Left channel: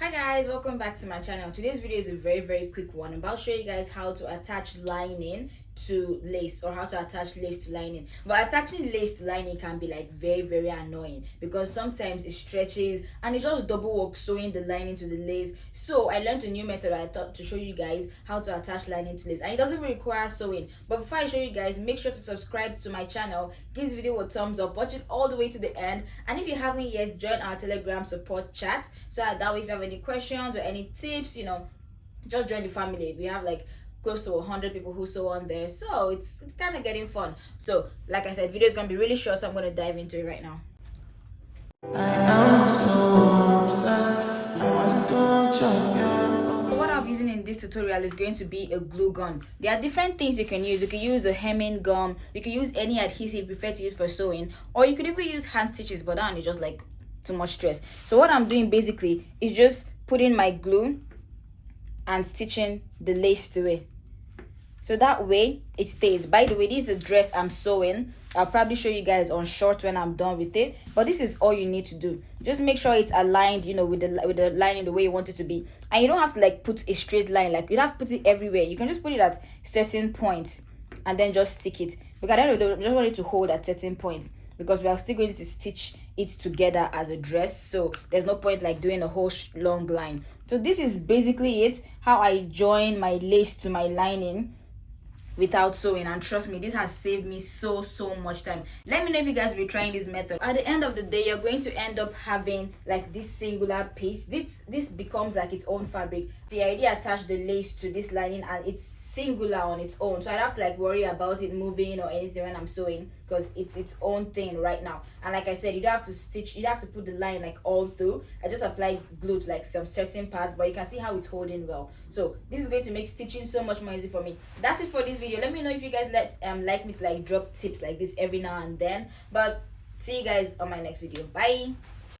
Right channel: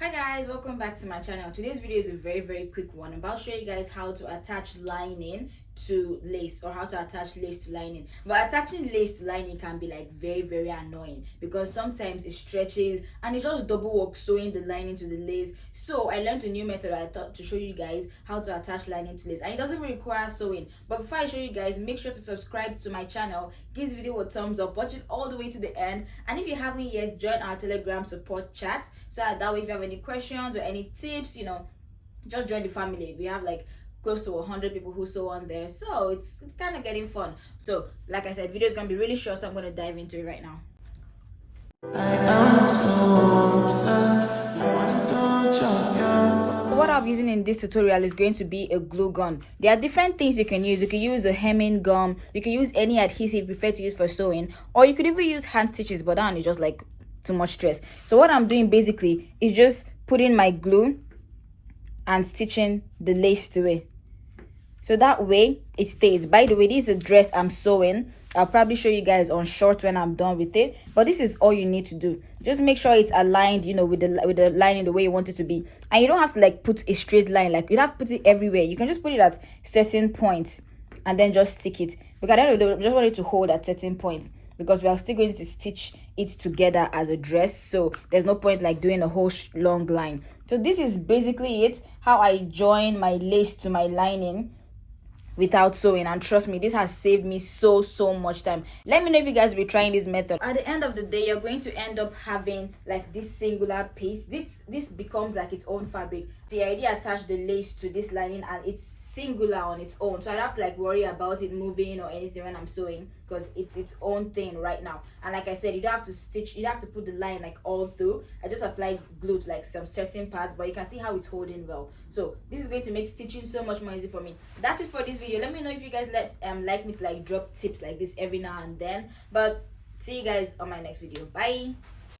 Hi guys, welcome back to my channel. Today's video is a very quick one. I'm about to show you guys how to attach lining to lace, or how to attach lace to lining. But attaching lace to lining can be like very annoying because sometimes it stretches and it just double work sewing the lining to the lace. So I learned a new method I thought to show you guys how to attach lining to lace, and it doesn't really require sewing. But before I show you guys, make sure to subscribe to my channel, give this video a thumbs up, watch it all the way to the end, and if you haven't yet, join our Telegram support chat so that way if you have any questions or any tips, just join the family. We have like close to 100 people who sew on there, so it's kind of getting fun. So like I said, video is gonna be really short, so I'm gonna dive into it right now. What I'm using in this tutorial is going to be a glue gun. There are different things you can use. You can use a hemming gum, you can use any adhesive you prefer to use for sewing, or you could even use hand stitches, but that one is just like too much stress. So what I'm doing basically is just putting my glue and stitching the lace to it, so that way it stays. By the way, this is a dress I'm sewing. I'll probably show you guys on short when I'm done with it, but this is all you need to do. Just make sure it's aligned, with the lining the way you want it to be, and you don't have to like put a straight line, like you don't have to put it everywhere. You can just put it at certain points and then just stick it, because I just want it to hold at certain points, because we are still going to stitch it together as a dress, so there's no point like doing a whole long line. So this is basically it, how I join my lace to my lining without sewing, and trust me, this has saved me so much time. Let me know if you guys will be trying this method. At the end of the day, you're going to end up having like this singular piece. This becomes like its own fabric. See, I already attached the lace to this lining and it's singular on its own, so I don't have to like worry about it moving or anything when I'm sewing, because it's its own thing right now. And like I said, you don't have to stitch, you don't have to put the line like all through. I just applied glue to like some certain parts, but you can see how it's holding well. So this is going to make stitching so much more easy for me. That's it for this video. Let me know if you guys like me to like drop tips like this every now and then. But see you guys on my next video. Bye.